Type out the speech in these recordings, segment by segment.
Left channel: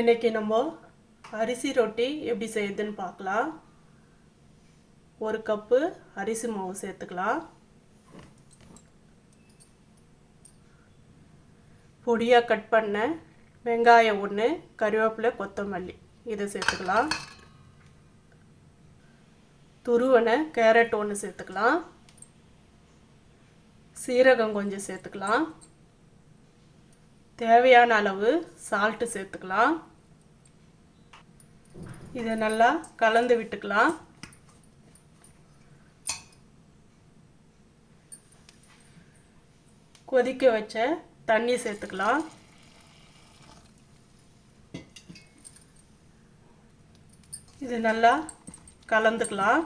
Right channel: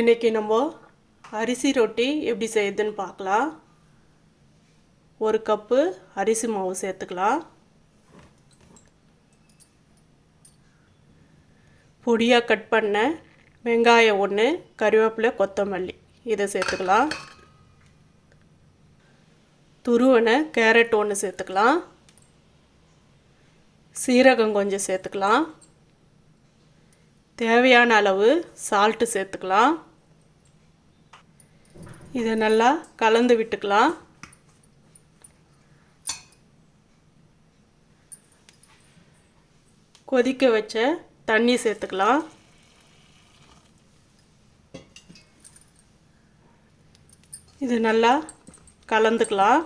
இன்றைக்கி நம்ம அரிசி ரொட்டி எப்படி செய்யுதுன்னு பார்க்கலாம். ஒரு கப்பு அரிசி மாவு சேர்த்துக்கலாம். பொடியாக கட் பண்ண வெங்காயம் ஒன்று கருவேப்பிலை கொத்தமல்லி இதை சேர்த்துக்கலாம். துருவனை கேரட் ஒன்று சேர்த்துக்கலாம். சீரகம் கொஞ்சம் சேர்த்துக்கலாம். தேவையான அளவு சால்ட்டு சேர்த்துக்கலாம். இதை நல்லா கலந்து விட்டுக்கலாம். கொதிக்க வச்ச தண்ணி சேர்த்துக்கலாம். இது நல்லா கலந்துக்கலாம்.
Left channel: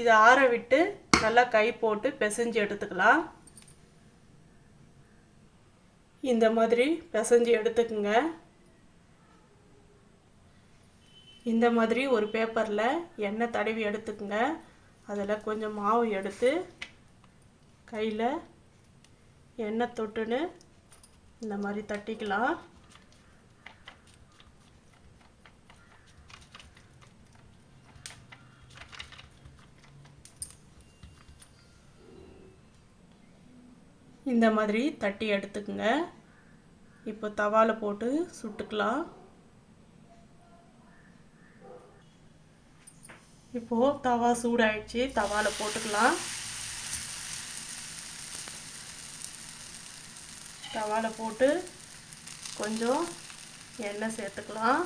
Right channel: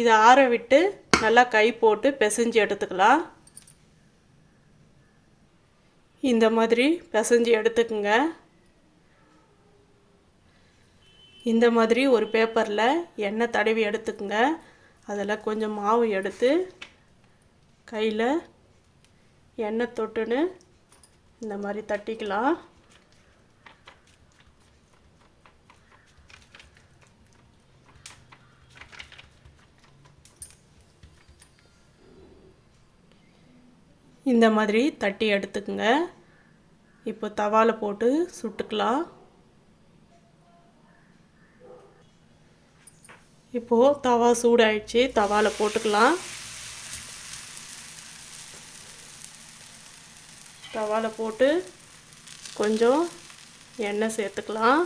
இதை ஆற விட்டு நல்லா கை போட்டு பிசைஞ்சு எடுத்துக்கலாம். இந்த மாதிரி பிசைஞ்சு எடுத்துக்குங்க. இந்த மாதிரி ஒரு பேப்பரில் எண்ணெய் தடவி எடுத்துக்குங்க. அதில் கொஞ்சம் மாவு எடுத்து கையில் எண்ணெய் தொட்டுன்னு இந்த மாதிரி தட்டிக்கலாம். இந்த மாதிரி தட்டி எடுத்துக்கோங்க. இப்போ தவாவில் போட்டு சுட்டுக்கலாம். இப்போது தவா சூடாயிடுச்சு. தவாவில் போட்டுக்கலாம். தவாவில் போட்டு கொஞ்சம் எண்ணெய் சேர்த்துக்கலாம்.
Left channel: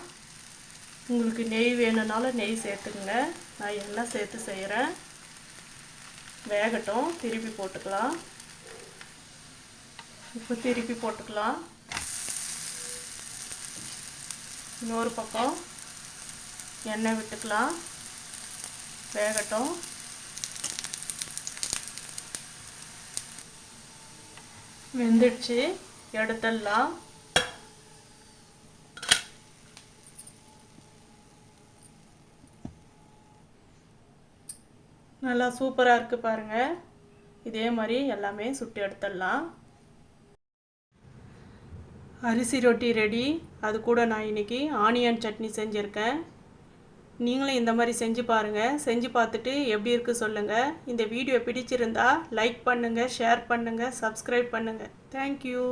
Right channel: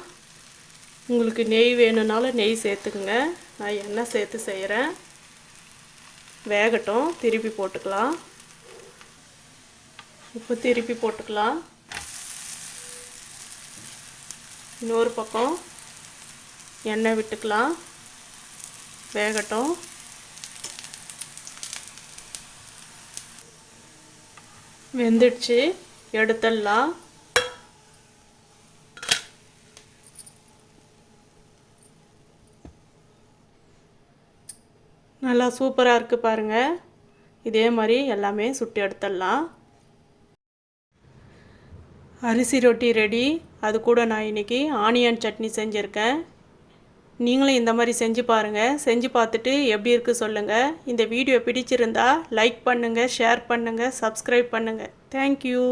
உங்களுக்கு நெய் வேணும்னாலும் நெய் சேர்த்துக்குங்க. நான் எண்ணெய் சேர்த்து செய்கிறேன் வேகட்டும். திருப்பி போட்டுக்கலாம். இப்போ திருப்பி போட்டுக்கலாம். இன்னொரு பக்கம் எண்ணெய் விட்டுக்கலாம். வேகட்டும். வெந்துடுச்சு. எடுத்துடலாம். நல்லா சூப்பராக இருக்குது பாருங்கள் இதே மாதிரி எல்லாமே சுட்டு எடுத்துடலாம். அரிசி ரொட்டி ரெடி. அது கூட நான் இன்றைக்கி ஆனியன் சட்னி செஞ்சுருக்கேன். நீங்களும் இந்த மாதிரி செஞ்சு பாருங்கள் செஞ்சு பார்த்துட்டு எப்படி இருக்குது சொல்லுங்கள் இந்த வீடியோ பிடிச்சிருந்தா லைக் பண்ணுங்கள் ஷேர் பண்ணுங்கள் சப்ஸ்கிரைப் பண்ணுங்கள் தேங்க்யூ